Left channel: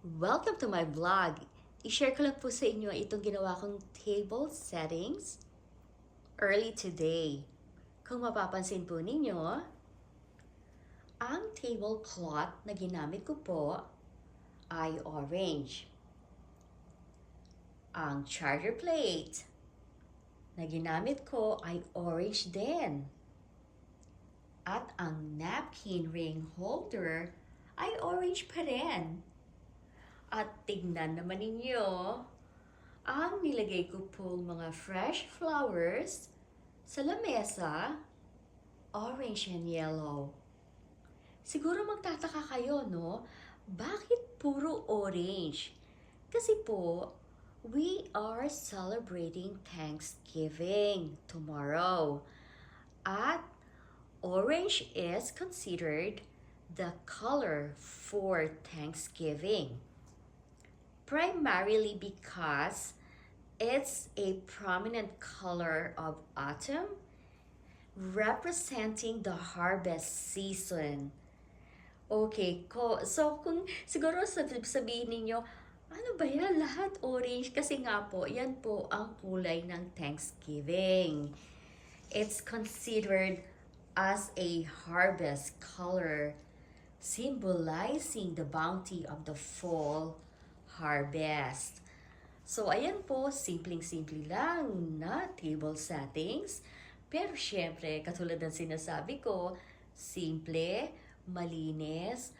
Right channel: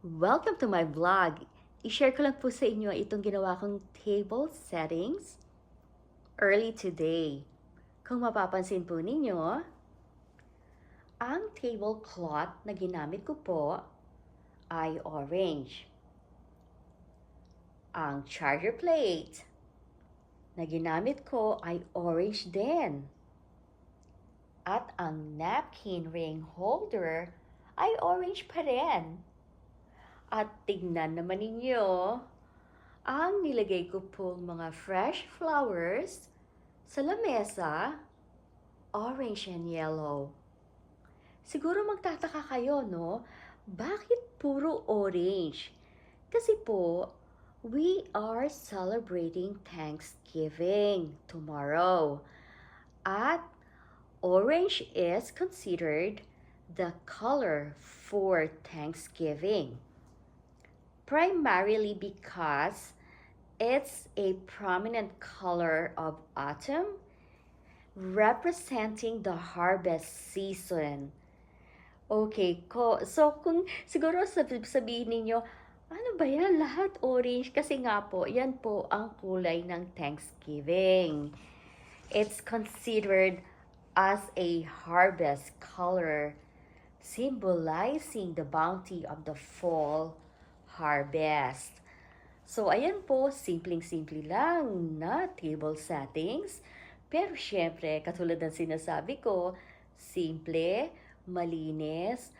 Welcome to my vlog. I-share ko lang po sa inyo itong ginawa kong table settings early today. Kung mapapansin po ninyo, ang tablecloth na ginamit ko po ay orange. Ang charger plate na ginamit ko ay orange din. At ang napkin ring holder ay orange pa rin. At tignan naman ninyo, ang nilagay ko pong mga fresh flowers sa lamesa, orange and yellow. Siguro magtataka kayo, no? Bakit puro orange? Kasi po, we are celebrating Thanksgiving tomorrow. At orange is considered the color for Thanksgiving. Primarily because it's a prominent color of autumn, representing the harvest season. Okay, so kung siguro sabihin ninyo, ano ba yan? Lahat orange? Kasi nga po, yan po ang kulay ng Thanksgiving. It's considered as a harvest color, symbolizing the bounty of the fall harvest. So, ayan po, simpleng-simple lang na table settings. Pero syempre, katulad ng sinasabi ko, simple, malinis,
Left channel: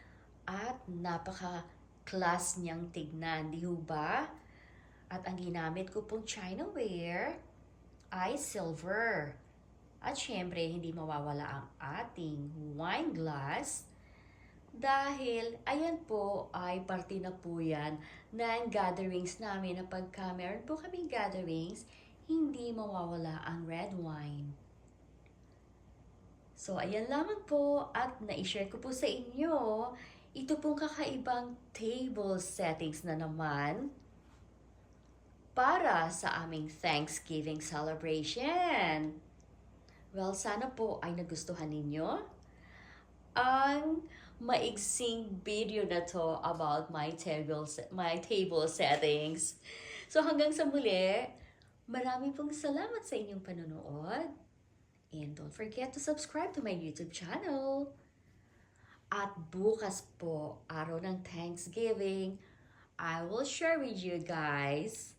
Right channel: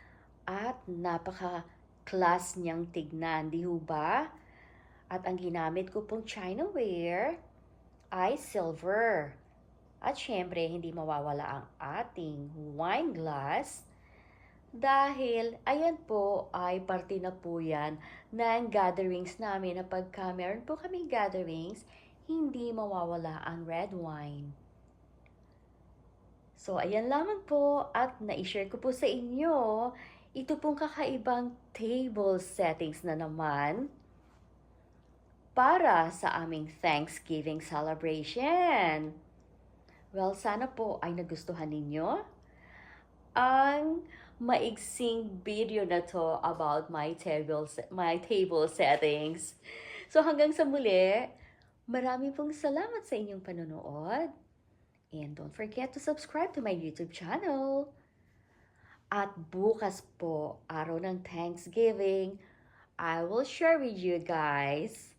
at napaka-class niyang tignan, di ho ba? At ang ginamit ko pong chinaware ay silver. At syempre, hindi mawawala ang ating wine glass dahil, ayan po, ay parte na po yan ng gatherings namin na pagka meron po kaming gatherings, hindi mawawala ang red wine. So, ayan lamang po at na-share ko po sa inyo ito pong kakaibang table settings na naman para sa aming Thanksgiving celebration. Well, sana po ay nagustuhan ninyo ang maigsing video na to about my table settings. So hanggang sa muli, marami pong salamat sa inyong panonood. And don't forget to subscribe to my YouTube channel. At bukas po, araw ng Thanksgiving, I will share with you guys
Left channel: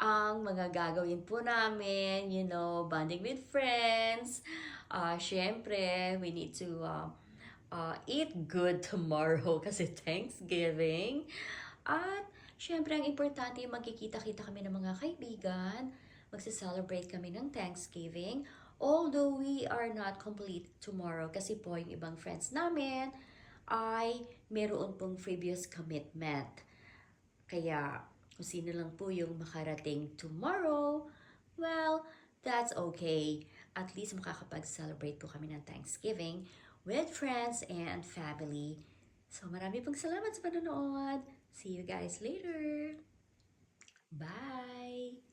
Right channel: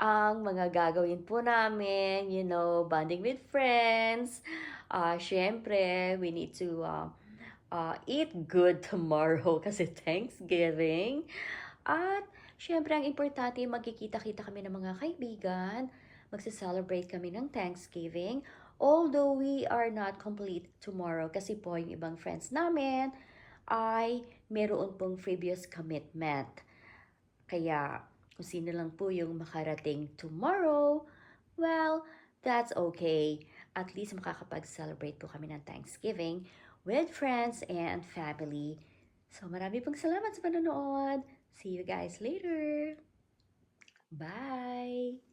ang mga gagawin po namin, bonding with friends. Syempre, we need to eat good tomorrow kasi Thanksgiving. At syempre, ang importante, magkikita-kita kami ng mga kaibigan. Magsa-celebrate kami ng Thanksgiving. Although we are not complete tomorrow kasi po yung ibang friends namin ay meron pong previous commitment. Kaya kung sino lang po yung makarating tomorrow, well, that's okay. At least makakapag-celebrate po kami ng Thanksgiving with friends and family. So marami pong salamat sa panonood. See you guys later. Bye!